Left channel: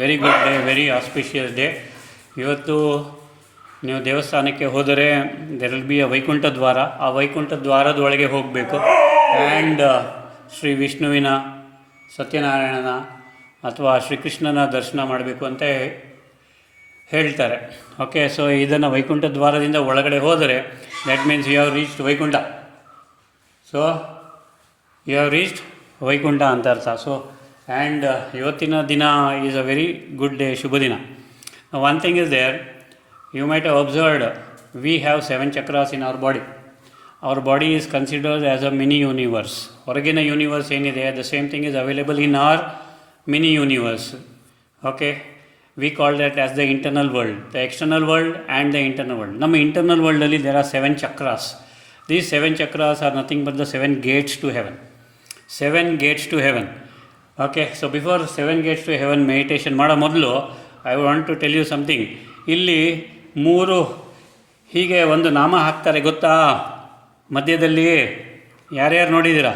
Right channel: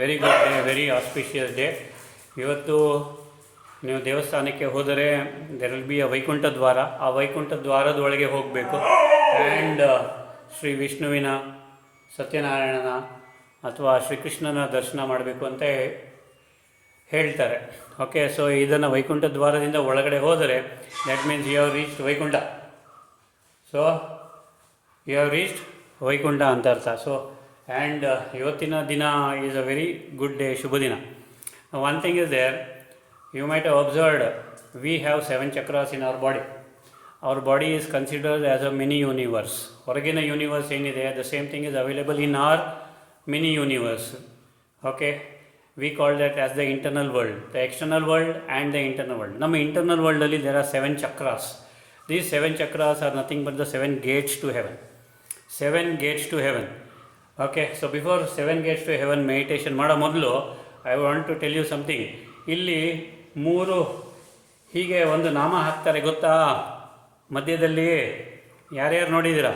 Very good day, very auspicious day. ಇವತ್ತು ನೀವು ದೇವಸ್ಥಾನಕ್ಕೆ ಹೋದರೆ there will be a Vaikuntha ದ್ವಾರ. ಆ ವೈಕುಂಠ ದ್ವಾರದೊಳಗೆ ಹೋಗಬೇಕು ಆ್ಯಂಡ್ ಶ್ರೀ ವಿಷ್ಣುವಿನ, ಸತ್ಯನಾರಾಯಣನ ಅಥವಾ ಶ್ರೀಕೃಷ್ಣನ ದರ್ಶನ ಮಾಡಬೇಕು ಅಂತ ಹೇಳ್ತಾರೆ. ಓಕೆ, ಸೊ ಇದನ್ನು ವೈಕುಂಠ ದ್ವಾರದಿಂದ ಒಳಗಡೆ ಹೋದರೆ that means you have reached Vaikuntha. So you have reached Vaikuntha ಅಂತ ಅರ್ಥ. ಸೊ ಆ್ಯಂಡ್ ಇವತ್ತಿನ ದಿನ is a very good day, ಶುಭ ದಿನ. One thing is there, you might have observed we have 7 chakras in our body. Our body is considered as a mini universe. Origina universe ಏನಿದೆ, the same thing is available in our mini universe. Okay, we call that as the internal world, the external world and the internal world. ನಮ್ಮ internal world ಅಲ್ಲಿ there are 7 chakras. These 7 chakras are nothing but the 7 gates to heaven. 7 gates to heaven. Okay, so before 7 gates to heaven meditation ಮಾಡೋ ಮೊದಲು I want to tell you something. ಇಲ್ಲಿ 3 ಹೀಗೆ ಒಂದು ನಾಮ ಹಾಕ್ತಾರೆ, ಗೊತ್ತಾ? ಮಧ್ಯದಲ್ಲಿ ಯಾರ್ಯಾರು ನೋಡಿದ್ದೀರಾ?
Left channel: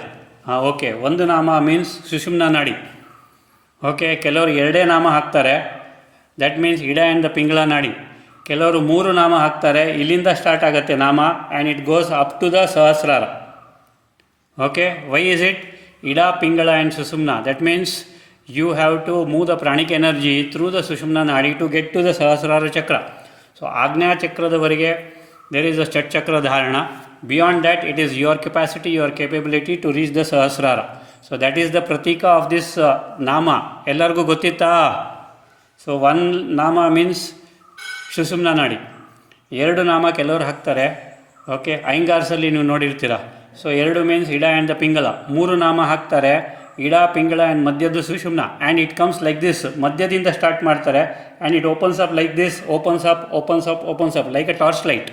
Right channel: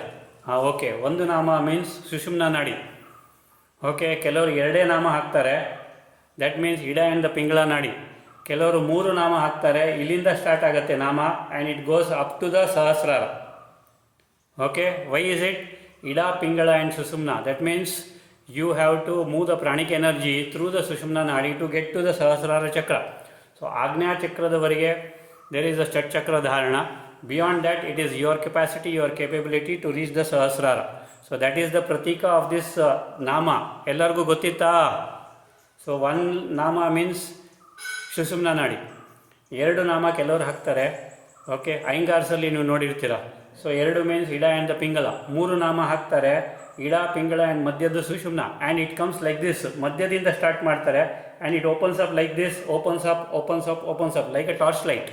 ಓಕೆ, ಒಂದು ನಾಮ ಮೀನ್ಸ್ ಸುಷುಮ್ನಾ ನಾಡಿ. ಓಕೆ, ಕೆಲವರು 2 ನಾಮ ಹಾಕ್ತಾರೆ, that means Ida and the Pingala nadi. ಕೆಲವರು 3 ನಾಮ ಹಾಕ್ತಾರೆ, ಇಲ್ಲಿಂದ ಸ್ಟಾರ್ಟ್ ಆಗುತ್ತೆ ನಾಮ and it goes up to the Sahasrara. Okay, why is it? Ida, Pingala and Sushumna. That means you have to move the pranic energy through the Sushumna Nadi to get to the Sahasrara Chakra. So Agnya Chakradavariga there is a Chat Chakra Dharana. Beyond that, it is your capacity, your capability to reach the Sahasrara. So that is the pratika of this Nama. Ellargu gottita? So one Nama means Sushumna Nadi. 2 ನಾಮ ಕೆಲವರು ಹಾಕ್ತಾರೆ. Okay, ಐಂಗಾರ್ಸಲ್ಲಿ ನೀವು ನೋಡಿರ್ತೀರ. So 2 means Ida and the Pingala. 3 ನಾಮ ಹಾಕ್ತಾರೆ, Ida, Pingala and ಮಧ್ಯದ Sushumna, and it comes like this. ಮಧ್ಯದಿಂದ ಸ್ಟಾರ್ಟ್ ಮಾಡ್ತಾರೆ and it opens up like this, opens up opens up opens up like a torch light.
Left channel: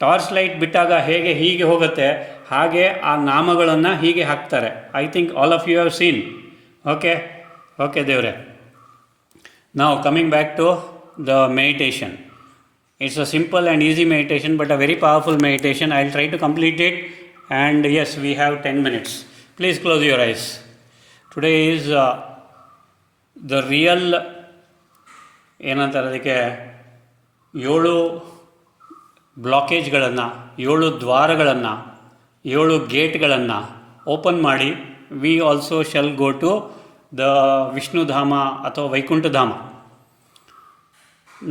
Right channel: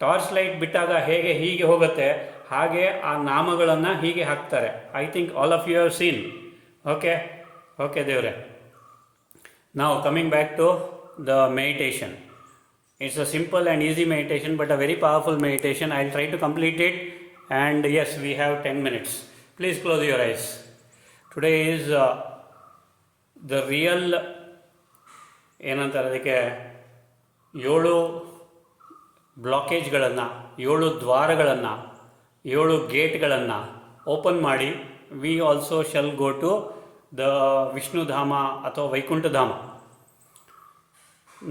Torch light ಬಿಟ್ಟಾಗ ಹೇಗೆ ಹೀಗೆ ಹೋಗುತ್ತೆ, ಹಾಗೆ ಆ ನಾಮಗಳನ್ನು ಹೀಗೆ ಹಾಕ್ತಾರೆ. I think all of you have seen. Okay okay ದೇವ್ರೆ. ನಾವು coming back to the meditation. It's a simple and easy meditation but a very powerful meditation. I will try to complete it and yes, we have 10 minutes. Please close your eyes. Today is the real ಏನಂತಾರೆ ಅದಕ್ಕೆ, 7 ಬ್ಲಾಕೇಜ್ಗಳನ್ನು, 7 ದ್ವಾರಗಳನ್ನು, 7 ಗೇಟ್ಗಳನ್ನು open ಮಾಡಿ we also shall go to the Vishnudhama ಅಥವಾ ವೈಕುಂಠಧಾಮ.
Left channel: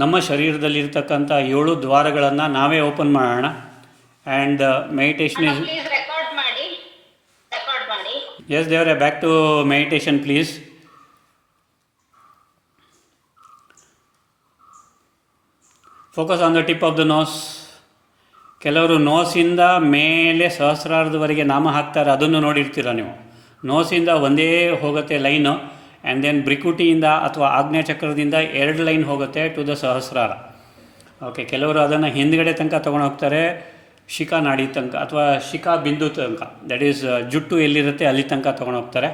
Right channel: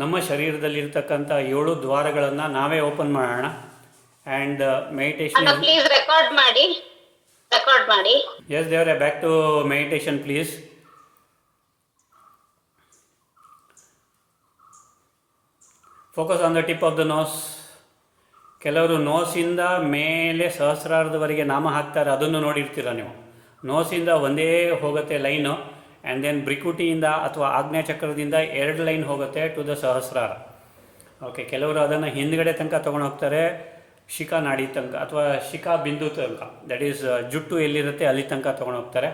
ನಮ್ಮ ಶರೀರದಲ್ಲಿರ್ತಕ್ಕಂಥ 7 ದ್ವಾರಗಳನ್ನು ನಾವೇ ಓಪನ್ ಮಾಡೋಣ. ಆ್ಯಂಡ್ ಮೆಡಿಟೇಷನ್ ರೆಕಾರ್ಡ್ ಮಾಡಿ. Yes, they are back to meditation, please. Focus on the tip of the nose. ಕೆಲವರು ನೋಸಿಂದ ಮೇಲೆ ಸಹಸ್ರಾರದವರೆಗೆ ನಾಮ ಹಾಕ್ತಾರೆ, ಅದನ್ನು ನೋಡಿರ್ತೀರ ನೀವು. ನೋಸಿಂದ ಒಂದೇ ಹೋಗುತ್ತೆ ಲೈನು, ಆ್ಯಂಡ್ ದೆನ್ ಬ್ರಿಕುಟಿಯಿಂದ ಅಥವಾ ಆಗ್ನೇಯ ಚಕ್ರದಿಂದ 2 ಲೈನ್ ಹೋಗುತ್ತೆ ಟು ದ ಸಹಸ್ರಾರ. ಓಕೆ, ಕೆಲವರು ಅದನ್ನು ಹಿಂದ್ಗಡೆ ತನಕ ತೊಗೊಂಡು ಹೋಗ್ತಾರೆ, ಶಿಖಾ ನಾಡಿ ತನಕ ಅಥವಾ ಶಿಖಾ ಬಿಂದು ತನಕ, ದ್ಯಾಟ್ ಈಸ್ ಜುಟ್ಟು ಎಲ್ಲಿರುತ್ತೆ ಅಲ್ಲಿ ತನಕ ತೊಗೊಂಡು ಹೋಗ್ತಾರೆ.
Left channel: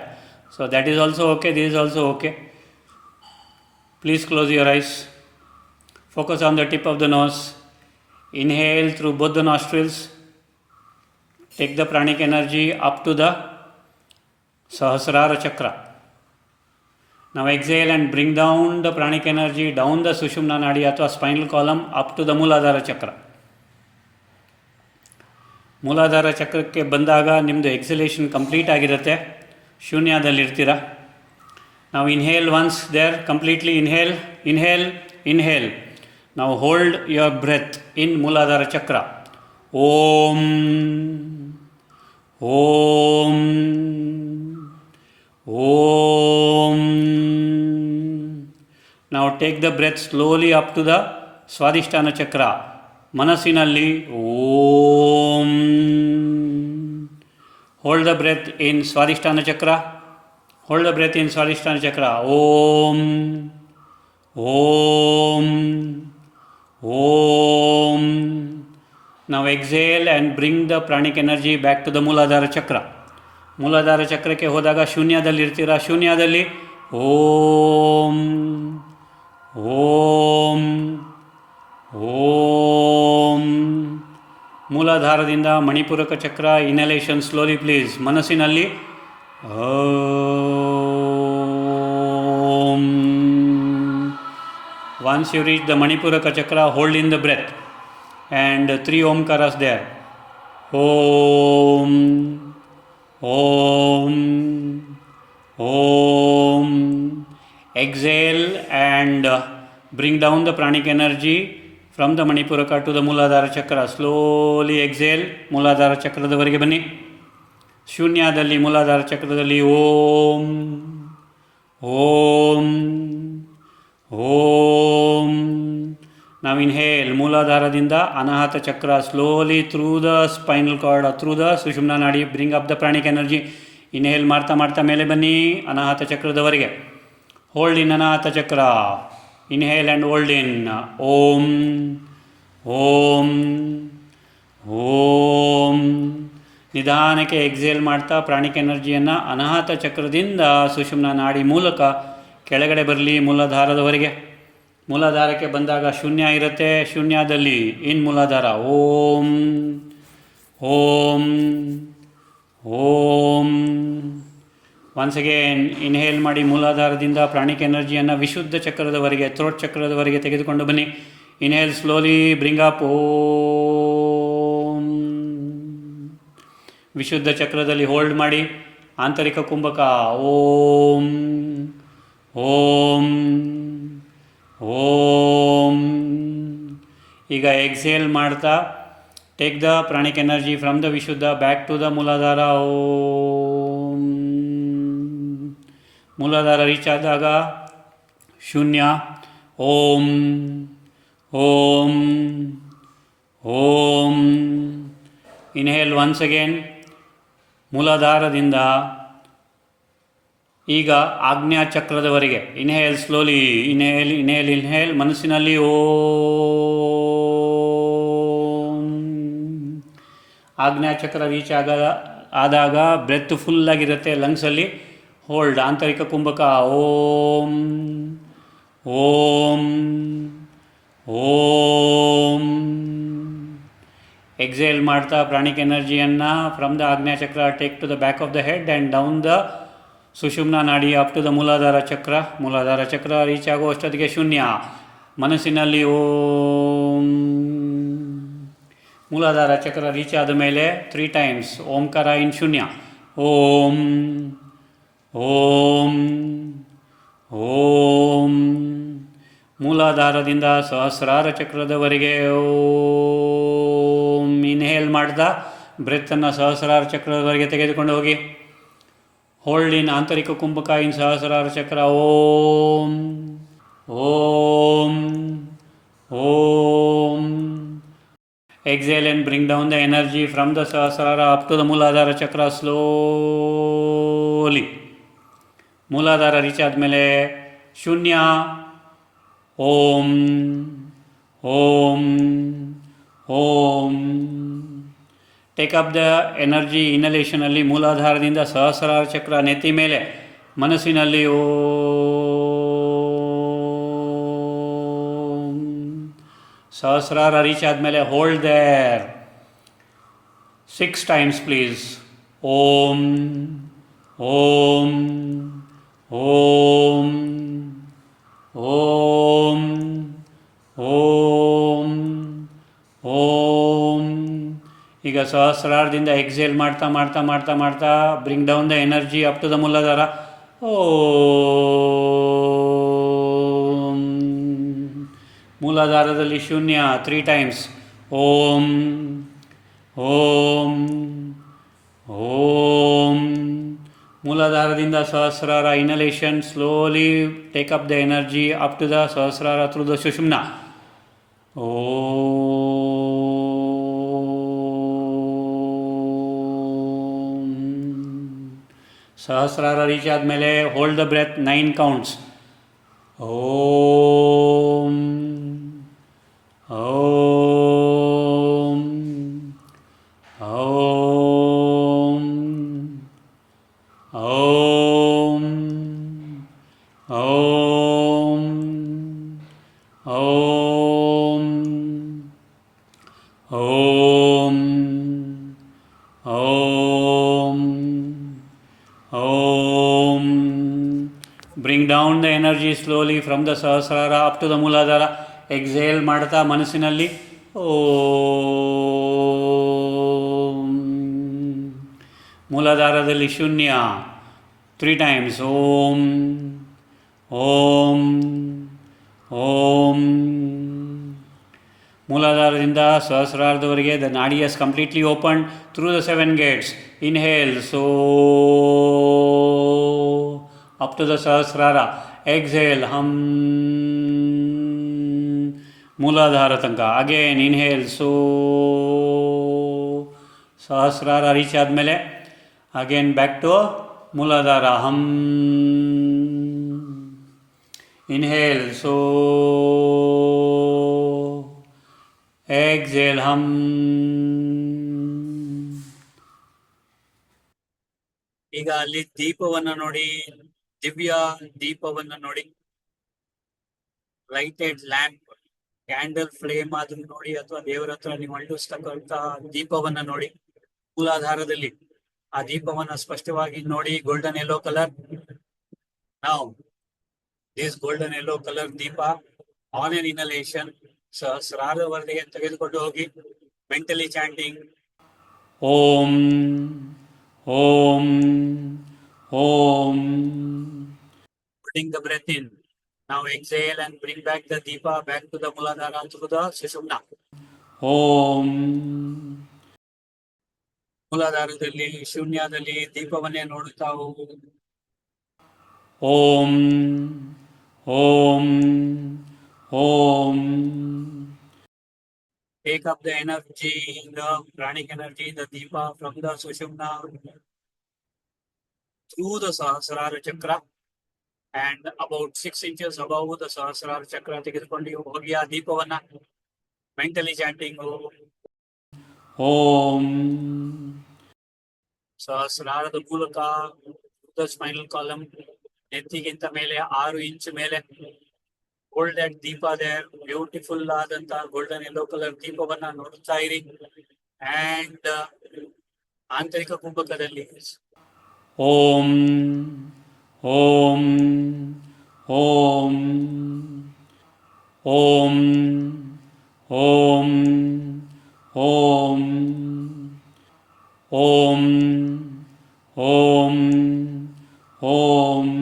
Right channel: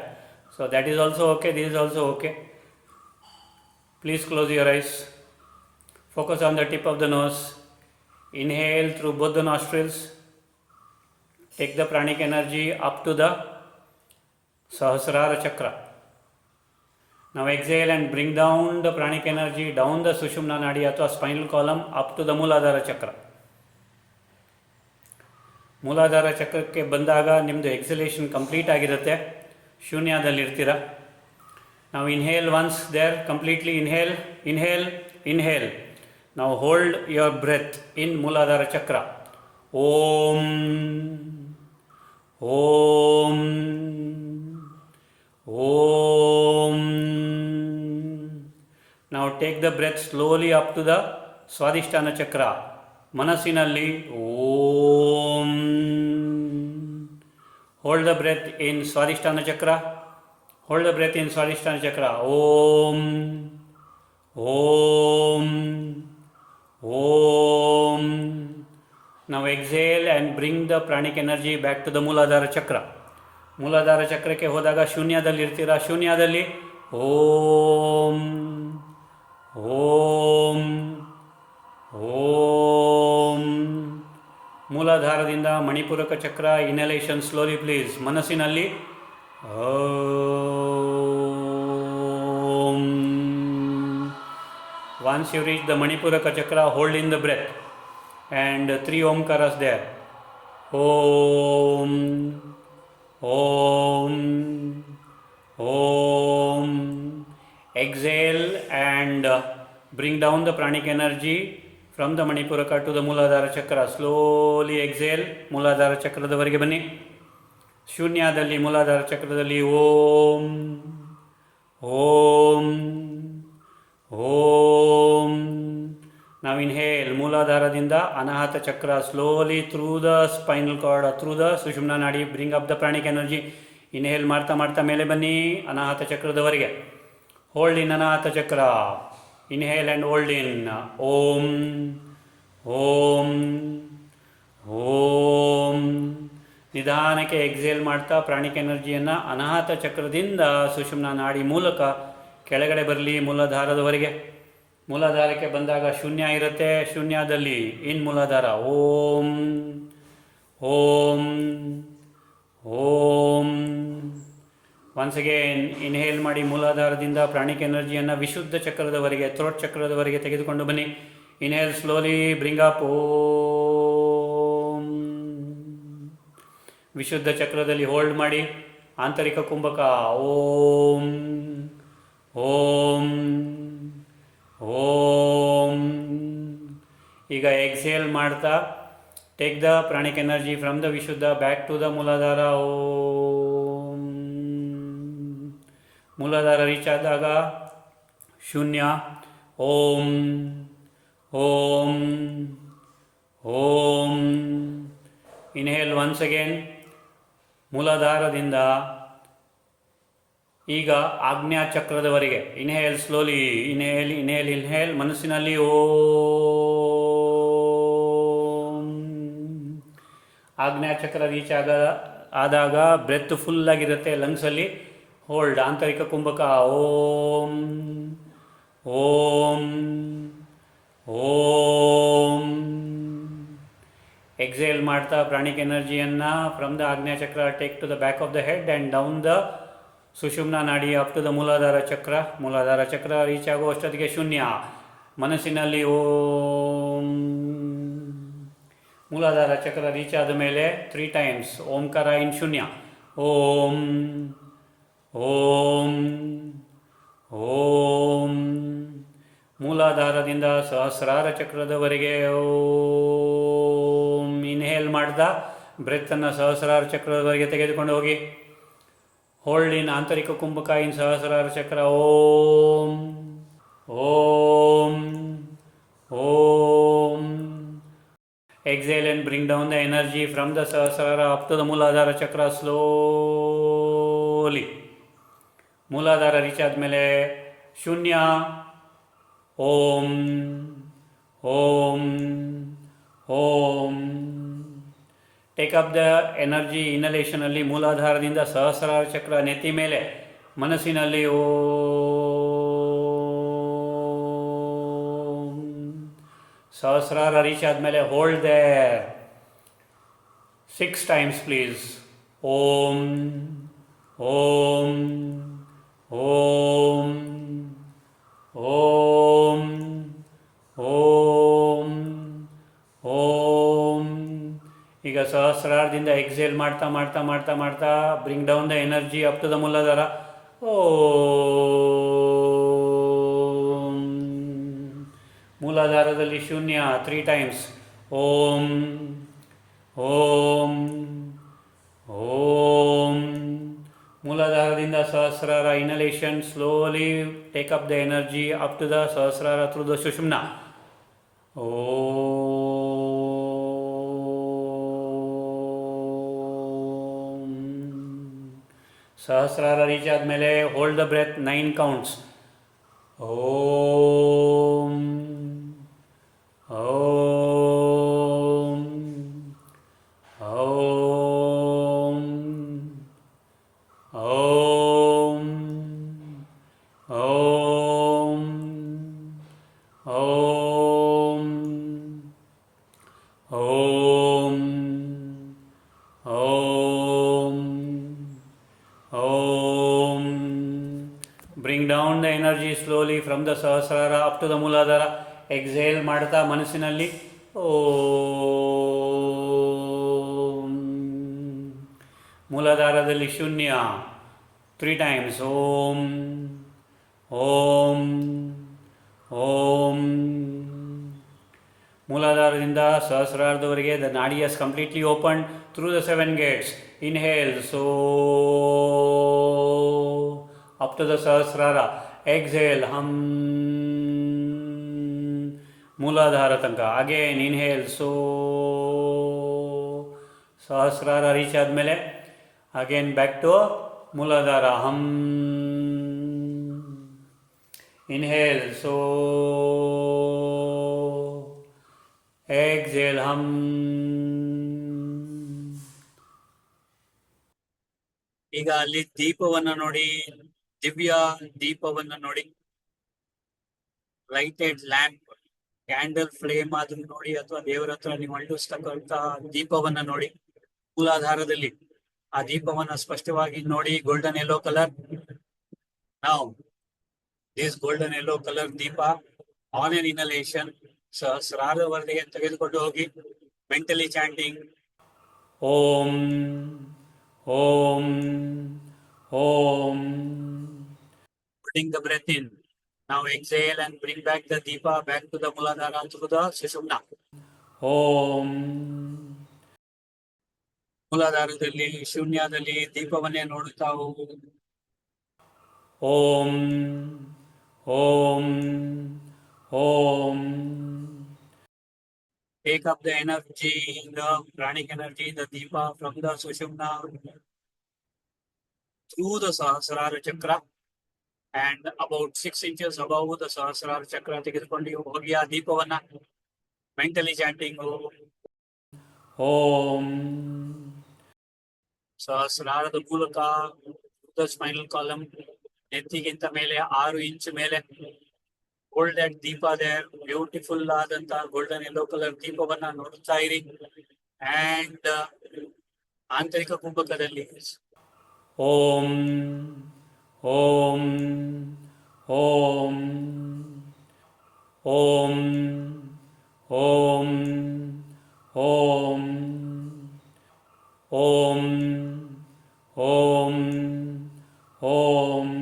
So that is also okay, this is also okay. Please close your eyes. Focus on the tip of the nose. Inhale through both the nostrils. Take the pranic energy up to the Sahasrara chakra. Now exhale and bring down the pranic energy down the Sushumna Nadi ಅಥವಾ spinal column up to the Mooladhara Chakra. ಮೂಲಾಧಾರ ಚಕ್ರಕ್ಕೆ ಬಂದಾಗ ನಿಮ್ಮದು ಎಕ್ಸಲೇಷನ್ complete ಆಗಿರುತ್ತೆ, ಶೂನ್ಯದಲ್ಲಿರ್ತೀರ. ನಾವು inhale once there, completely inhale inhale inhale. ನಾವು hold your breath in Muladhara chakra. Om ಓಂ ಓಂ. ನಾವು take the breath slowly up to the Swadhisthana chakra. ಮನಸ್ಸಿನಲ್ಲಿ Om. Hold the breath in Swadhisthana chakra. Hold the breath in Swadhisthana chakra. Om ಓಂ ಓಂ. ನಾವು exhale and bring the pranic energy back to the Muladhara chakra. Muladhara ಚಕ್ರಕ್ಕೆ ಹೋದಾಗ ಶೂನ್ಯದಲ್ಲಿರ್ತೀರ. ಶೂನ್ಯದಲ್ಲಿ ಓಂ ಓಂ ಓಂ. ಮೂಲಾಧಾರದಿಂದ ಮಣಿಪೂರಕ ಚಕ್ರ inhalation slowly please. ಮನಸ್ಸಿನಲ್ಲಿ ಓಂ Once you reach the Manipuraka chakra, hold in the breath and 3 omkaras there. Om, Om, Om. Exhale and bring down the pranic energy from the Manipuraka to the Muladhara chakra. Slowly exhale, Muladhara chakradavariಗೆ ಬನ್ನಿ. ಶೂನ್ಯದಲ್ಲಿ ಮೂಲಾಧಾರ ಚಕ್ರದಲ್ಲಿ ಓಂ ಓಂ ಓಂ. ನಾವು inhale ಮೂಲಾಧಾರದಿಂದ Anahata chakra slowly through the spinal cord, through the Sushumna nadi, bring up the pranic energy. Inhale ಮಾಡ್ತಾ ಮಾಡ್ತಾ ಮೇಲೆ ಬನ್ನಿ Anahata ಚಕ್ರದವರೆಗೆ. Hold ಇನ್ ಅನಾಹತ ಚಕ್ರ. Inhale and hold ಇನ್. ಓಂ ಓಂ ಓಂ. ನಿಧಾನಕ್ಕೆ ಎಕ್ಸೇಲ್ ಮಾಡ್ತಾ ಪ್ರಾಣಿಕ್ ಎನರ್ಜಿಯನ್ನು ಅನಾಹತ ಚಕ್ರದಿಂದ ಸುಷುಮ್ನ ನಾಡಿ ಮೂಲಕ ಕೆಳಗಡೆ ಬರಲಿ ಮೂಲಾಧಾರದವರೆಗೆ. ಮೂಲಾಧಾರಕ್ಕೆ ಬಂದಾಗ ಶೂನ್ಯ ಇರುತ್ತೆ. ಶೂನ್ಯದಲ್ಲಿ ಇನ್ ಮೂಲಾಧಾರ ಓಂ ಓಂ ಓಂ. ಒನ್ಸ್ ಅಗೇನ್ ಇನ್ಹೇಲ್ ಮಾಡಿ ಮೂಲಾಧಾರದಿಂದ ಪ್ರಾಣಿಕ್ ಎನರ್ಜಿಯನ್ನು ವಿಶುದ್ಧ ಚಕ್ರದವರೆಗೆ, ಥ್ರೋಟ್ ಚಕ್ರದವರೆಗೆ ತೆಗೆದುಕೊಂಡು ಬನ್ನಿ. ಇನ್ಹೇಲ್ ಸ್ಲೋಲಿ ಬ್ರಿಂಗ್ ಅಪ್ ಓಂ. ವಿಶುದ್ಧ ಚಕ್ರದಲ್ಲಿ ಹೋಲ್ಡ್ ಮಾಡಿ. ಆಂತರಿಕ ಕುಂಭಕ ಓಂ ಓಂ ಓಂ. ಈಗ ಎಕ್ಸೇಲ್ ಮಾಡ್ತಾ take the pranic energy from the Vishuddha back to the Muladhara. Om. Muladhara reach ಆದಾಗ ಶೂನ್ಯ. ಓಂ ಓಂ ಓಂ. ಇನ್ಹೇಲ್ ಒನ್ಸ್ ಅಗೇನ್ ಮೂಲಾಧಾರದಿಂದ ಈಗ ಆಜ್ಞಾ ಚಕ್ರದವರೆಗೆ. Inhale slowly. Inhale inhale inhale. ಮನಸ್ಸಿನಲ್ಲಿ ಓಂ. ಆಜ್ಞಾ ಚಕ್ರ ರೀಚ್ ಆದಾಗ ಬ್ರೆತ್ ಫುಲ್ಲಾಗಿರುತ್ತೆ ಲಂಗ್ಸಲ್ಲಿ. ಹೋಲ್ಡ್. ಆಂತರಿಕ ಕುಂಭಕ ಓಂ ಓಂ ಓಂ. ಎಕ್ಸೇಲ್ ಮಾಡ್ತಾ ಪ್ರಾಣಿಕ್ ಎನರ್ಜಿಯನ್ನು from the Ajna chakra take to the back of the head and down the Sushumna nadi up to the Muladhara chakra. ಮೂಲಾಧಾರ ಚಕ್ರ ರೀಚ್ ಆಗುವಷ್ಟೊತ್ತಿಗೆ ಶೂನ್ಯ. ಮನಸ್ಸಿನಲ್ಲಿ ಓಂ. ಮೂಲಾಧಾರ ಚಕ್ರ ರೀಚ್ ಆದ ಮೇಲೆ 3 ಟೈಮ್ಸ್ ಓಂಕಾರ ಇನ್ ಶೂನ್ಯ. ಓಂ ಓಂ ಓಂ. ಮೂಲಾಧಾರದಿಂದ ಸಹಸ್ರಾರ ಚಕ್ರದವರೆಗೆ ಓಂ. ಇನ್ಹೇಲ್ ಮಾಡ್ತಾ ಬ್ರೆತ್ತನ್ನು ಸಹಸ್ರಾರ ಚಕ್ರದವರೆಗೆ ತೆಗೆದುಕೊಂಡು ಹೋಗಿ. ಹೋಲ್ಡ್ ಇನ್ ಆಂತರಿಕ ಕುಂಭಕ in Sahasrara chakra. Om Om Om. Exhale and bring down the energy from the Sahasrara up to the Muladhara chakra slowly. Muladhara reach ಆದಮೇಲೆ ಶೂನ್ಯ. ಓಂ ಓಂ Om. Take up the energy. ಇನಲೇಷನಲ್ಲಿ ಮೂಲಾಧಾರದಿಂದ ಸಹಸ್ರಾರ ಚಕ್ರ ನೆತ್ತಿ ಮೇಲೆ. ಮನಸ್ಸಿನಲ್ಲಿ ಓಂ. ಸಹಸ್ರಾರ ರೀಚ್ ಆದಮೇಲೆ hold there 6 times please. Om ಓಂ ಓಂ ಓಂ ಓಂ ಓಂ. ಈಗ ಸಹಸ್ರಾರದಿಂದ ಎಕ್ಸೇಲ್ ಮಾಡ್ತಾ ಮಾಡ್ತಾ ಮಾಡ್ತಾ ಮಾಡ್ತಾ bring down the energy up to the Muladhara. Om. ಮೂಲಾಧಾರದಲ್ಲಿ ಶೂನ್ಯ 3 ಟೈಮ್ಸ್. ಓಂ ಓಂ ಓಂ. ಮೂಲಾಧಾರದಿಂದ Sahasrara inhalation. Slowly take up the energy up to the Sahasrara through the Sushumna. Om. Sahasrara reach ಆದಮೇಲೆ hold the breath 9 counts. Om Om Om Om Om Om Om Om Om. Bring down the energy slowly from the Sahasrara up to the Muladhara. Exhale ಮಾಡ್ತಾ ಮನಸ್ಸಿನಲ್ಲಿ ಓಂ. ಮೂಲಾಧಾರದಲ್ಲಿ ಶೂನ್ಯ 3 times. ಓಂ ಓಂ Om. ಮೂಲಾಧಾರದಿಂದ ಸಹಸ್ರಾರದವರೆಗೆ the nadi has completely open through the 7 gates. Inhale ಸೋ up to the Sahasrara. Exhale ಹಮ್ ಮೂಲಾಧಾರ ತನಕ. Again inhale ಸೋ. Sahasrara reach ಆದಮೇಲೆ ಅಗೇನ್ ಬ್ಯಾಕ್ ಟು ಮೂಲಾಧಾರ ಹಮ್. ಇನ್ಹೇಲ್ ಸೋ. ಎಕ್ಸೇಲ್ ಹಮ್. ಈಗ ಅಲ್ಲಿ ದೀಪವನ್ನ ನೋಡಿ, ದಿವ್ಯ ದೀಪವನ್ನ ನೋಡಿ, ಲೈಟೆಡ್ ಲ್ಯಾಂಪ್, ಕ್ಯಾಂಡಲ್ ಫ್ಲೇಮ್ ಆದ್ರೂ ನೋಡಿ, ಅಥವಾ ದೇವರ ಹತ್ರ ನೀವು ಅಂಟಿಸ್ತಕ್ಕಂತ ದೀಪವನ್ನ ನೋಡಿ. ಮೂಲಾಧಾರದಲ್ಲಿ ಆ ದೀಪವನ್ನ ಸ್ಪಷ್ಟವಾಗಿ ನೋಡಿ. Golden yellow colour. ನಾವು this golden yellow colour deepa on an inhalation ಸಹಸ್ರಾರವರೆಗೆ ತೆಗೆದುಕೊಂಡು ಹೋಗಿ mentally chanting Om Om Om. Putting the breath in. Now exhale and bring back the deepa back to the Muladhara through the Sushumna. ಓಂ. ಮೂಲಾಧಾರದಲ್ಲಿ ಶೂನ್ಯದಲ್ಲಿ ದೀಪವನ್ನೇ ನೋಡುತ್ತಾ ಹೋಗು. ಓಂ ಓಂ ಓಂ. Take up the energy, the pranic energy, the deepa from the Sushumna through the Sahasrara chakra and about 6 inches above the Sahasrara chakra ತೆಗೆದುಕೊಂಡು ಹೋಗಿ ಆ ದೀಪವನ್ನ mentally chanting ಓಂ. ಸಹಸ್ರಾರದ ಮೂಲಕ spinal column ನೆತ್ತಿಗಿಂತ ಮೇಲೆ 6 inch ಮೇಲೆ golden ದೀಪ ಇದೆ. Beautiful ಆದಂತ ಗೋಲ್ಡನ್ ಯೆಲ್ಲೋ ಕಲರ್ ದೀಪವನ್ನ ನೋಡ್ತಾ ಇರಿ. ಅಂಡ್ ಆಂತರಿಕ ಕುಂಭಕದಲ್ಲಿ ಓಂ ಓಂ ಓಂ ಓಂ ಓಂ ಓಂ ಓಂ ಓಂ ಓಂ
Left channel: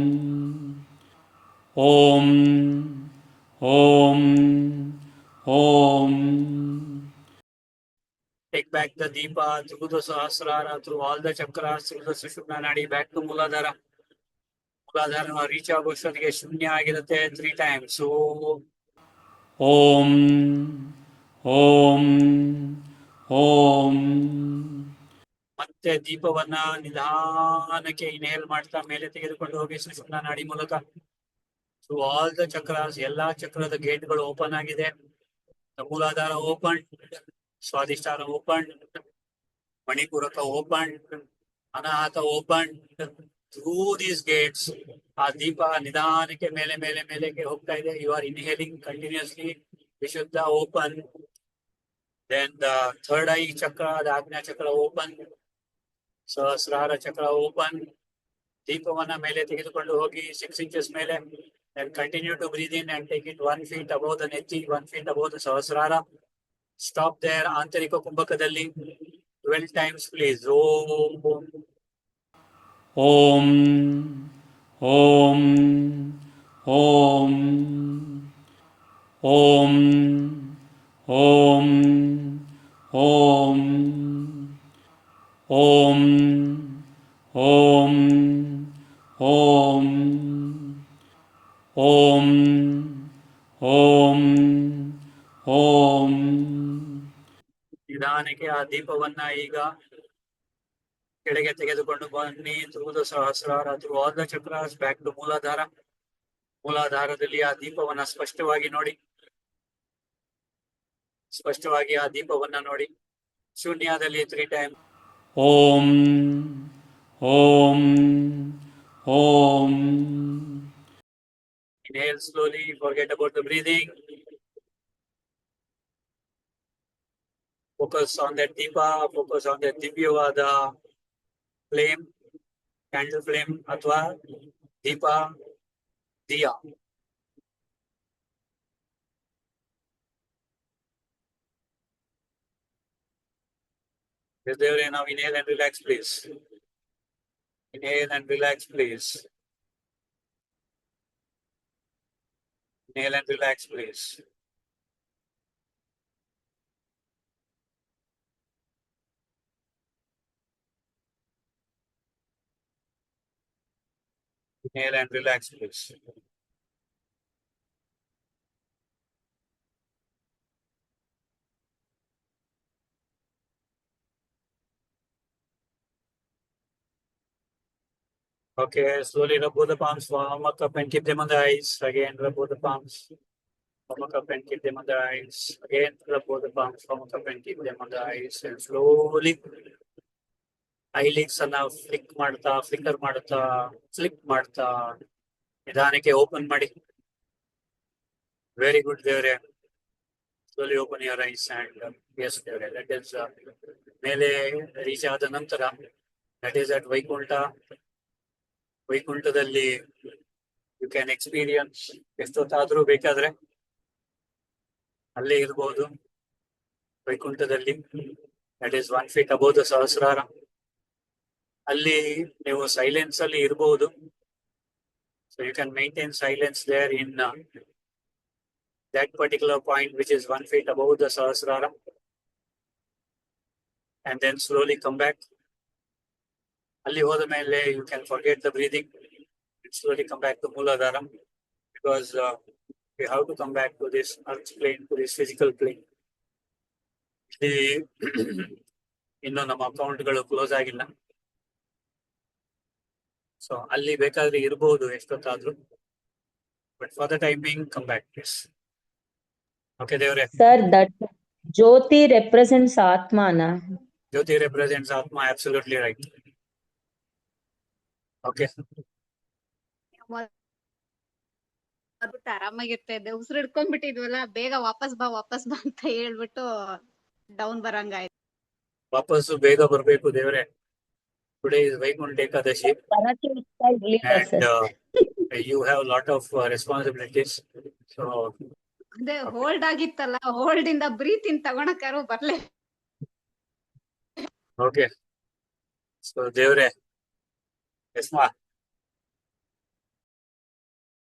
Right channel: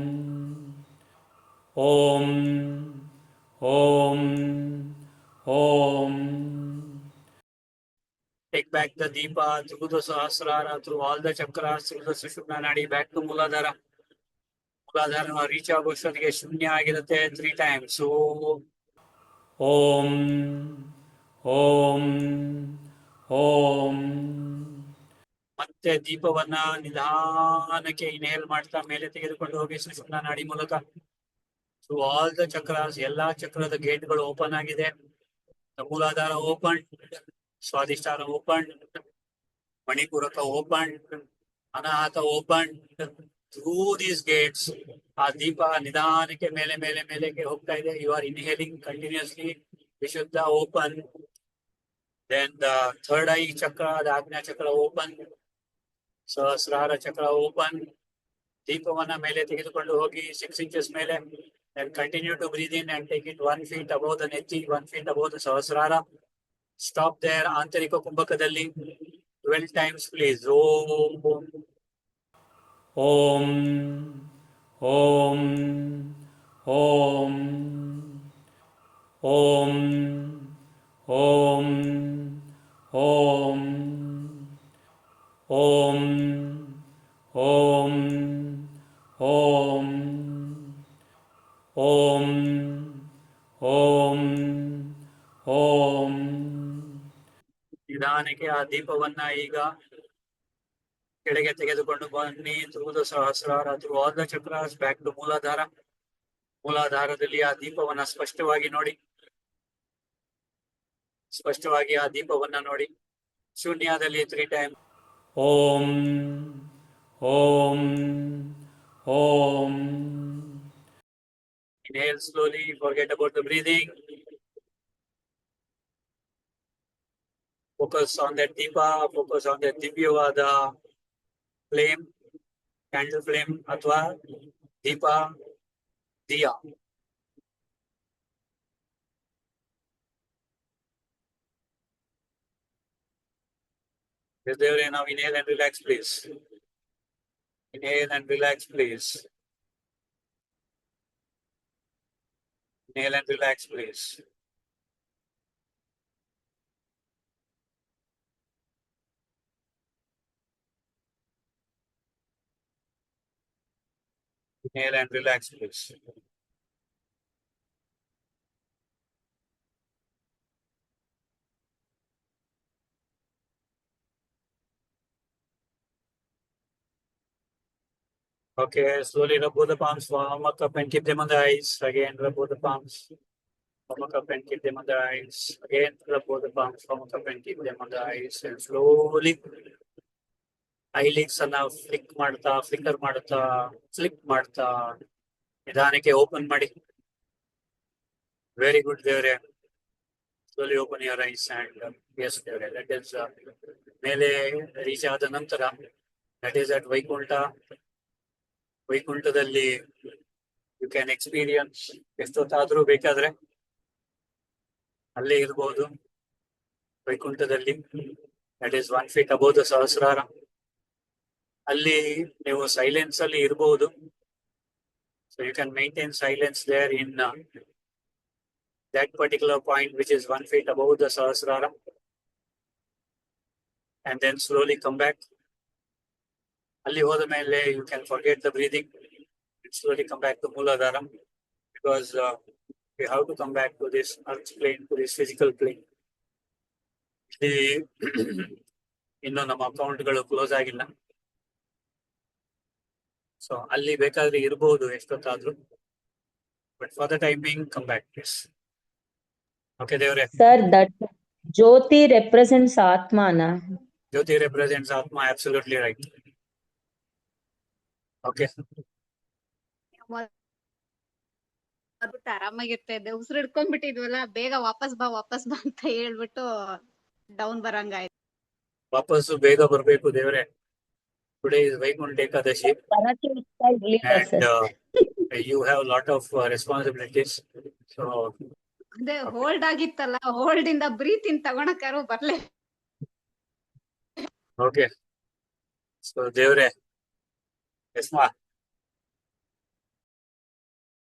ಓಂ ಓಂ ಓಂ. Take back the deepa through the sahasrara, through all the chakras, through the sushumna nadi, back to Muladhara. Muladhara reach ಆಗೋಷ್ಟೊತ್ತಿಗೆ ಶೂನ್ಯ ಆಗಿರುತ್ತೆ 3 times. ಸೊ ಓಂ ಓಂ ಓಂ. ಮತ್ತೆ ದೀಪವನ್ನ ನಿಧಾನಕ್ಕೆ ಇನ್ಹೇಲ್ ಮಾಡ್ತಾ ಮೇಲೆ ತೆಗೆದುಕೊಂಡು ಹೋಗಿ ಸುಷುಮ್ನಾ ನಾಡಿ ಮೂಲಕ ಥ್ರೂ ಆಲ್ ದ ಚಕ್ರಾಸ್. ಎಲ್ಲಾ ಚಕ್ರದ ಗೇಟ್ಗಳು ಓಪನ್ ಆಗಿದೆ. Muladhara open, Swadhisthana open, Manipuraka open, Anahata open. Through these gates ಆ ದೀಪ ನಿಧಾನಕ್ಕೆ ಮೇಲೆ ಮೇಲೆ ಮೇಲೆಗೆ ಹೋಗ್ತಾ ಇದೆ. You are inhaling continuously. Vishuddha open. Then the third eye chakra, the Ajna chakra open, ಸಹಸ್ರಾರ ಚಕ್ರ ಓಪನ್. ದೀಪವನ್ನ ಮೇಲೆ ತೆಗೆದುಕೊಂಡು ಹೋಗಿ 6 inches ಮೇಲೆ. Then continue to breathe in and take it 1 feet above the nethi, 1 feet above the sahasrara. Stop there. ಆಂತರಿಕ ಕುಂಭಕದಲ್ಲಿ 12 times please. ಓಂ ಓಂ ಓಂ ಓಂ ಓಂ ಓಂ ಓಂ ಓಂ ಓಂ ಓಂ ಓಂ ಓಂ ಓಂ. ನಿಧಾನಕ್ಕೆ ಆ ದೀಪವನ್ನ ಈಗ ಕೆಳಗೆ ತೆಗೆದುಕೊಂಡು ಬನ್ನಿ. Through the Sahasrara, through all the chakras, back to Muladhara. ಮೂಲಾಧಾರದಲ್ಲಿ ಆ ದೀಪವನ್ನ ಸ್ಪಷ್ಟವಾಗಿ ನೋಡಿ. ಸ್ಪಷ್ಟವಾಗಿ ಆ ದೀಪವನ್ನ ನೋಡಿ. ಶೂನ್ಯದಲ್ಲಿ 3 times. ಓಂ ಓಂ ಓಂ. Inhale slowly, forget about the breathing. Focus on that deepa, focus on that divyavada flame, candle flame, athwa deepa, diya. Yes, Devre, now inhale and relax, please. Inhale and relax, please. Inhale and relax, please. Inhale and relax, please. Okay, slowly rub both the palms, warm up and keep them on the eyes. Again, rub both the palms. Warm up and keep them on the eyes. Again, rub both the palms, warm up and keep them on the eyes. And slowly, eyelids ಅನ್ನ flicker ಮಾಡ್ತಾ flip ಮಾಡ್ತಾ ನಿಧಾನಕ್ಕೆ open ಮಾಡಿ. Very good ದೇವ್ರೆ. Slowly open your eyes and yes ದೇವ್ರೆ, that is ಮೇಲೆ reach ಆದ ನಂತರ ದಟ್ ಈಸ್ ಅಟ್ ವೈಕುಂಠ. ವೈಕುಂಠದಲ್ಲಿ ಯು ಕ್ಯಾನ್ ಎಕ್ಸ್ಪೀರಿಯನ್ಸ್ ಎಷ್ಟೊತ್ತಾದ್ರೂ ಬೇಕಾದ್ರೆ ಅಲ್ಲೇ ಇರ್ಬೋದು. ವೈಕುಂಠದಲ್ಲಿ that is 1 feet above the Sahasrara. ಅಲ್ಲಿ ನೀವು ಸೈಲೆನ್ಸ್ ಅಲ್ಲಿ ಇರಬಹುದು. So you can maintain silence there in that particular point which is 1 feet above the Sahasrara, and then slowly come back. Ali hoda mele you can forget the breathing and slowly come back to Mooladhara, because we have to come back to this earth plane, to this physical plane. ಇನ್ನು ನಮ್ಮ ಅಕೌಂಟ್ಗಳು close ಆಗಿಲ್ಲ. So ಅಲ್ಲಿ ಬೇಕಾದ್ರೆ ಇರಬಹುದು ಎಷ್ಟೊತ್ತಾದ್ರೂ, but for the time being come back please. Okay, Devre. Sir, that Jyoti represents Atma, na? Jyoti represents Atma, absolutely right. Okay. ಆರಾಮಾಗಿರ್ತಾ ಇದ್ದೆ, ಉಸಿರು ಹಿಡ್ಕೊಂಡ್ಬಿಟ್ಟಿದ್ವಲ್ಲ, ಬೇಗ ವಾಪಸ್ ಬಾ ಅಂತ ಹೇಳ್ಬಿಟ್ಟು ಡೌನ್ ಬರಂಗಾಯ್ತು. ವಾಪಸ್ಸು ಬೇಗ ಬರ್ಬೇಕು ದೇವ್ರೆ. Today is Vaikunth Ekadashi and you have a lot of responsibilities. So ಅದೇ ಹೋಲ್ಡ್ ಆಗಿತ್ತಲ್ಲ, ಹೋಲ್ಡ್ ಇಂದ ಬ್ರೀತ್ ಇನ್ ತಗೊಳಕಾರು ಬರ್ಲೇ. okay. So ದೇವ್ರೆ, ಎಸ್ಮಾ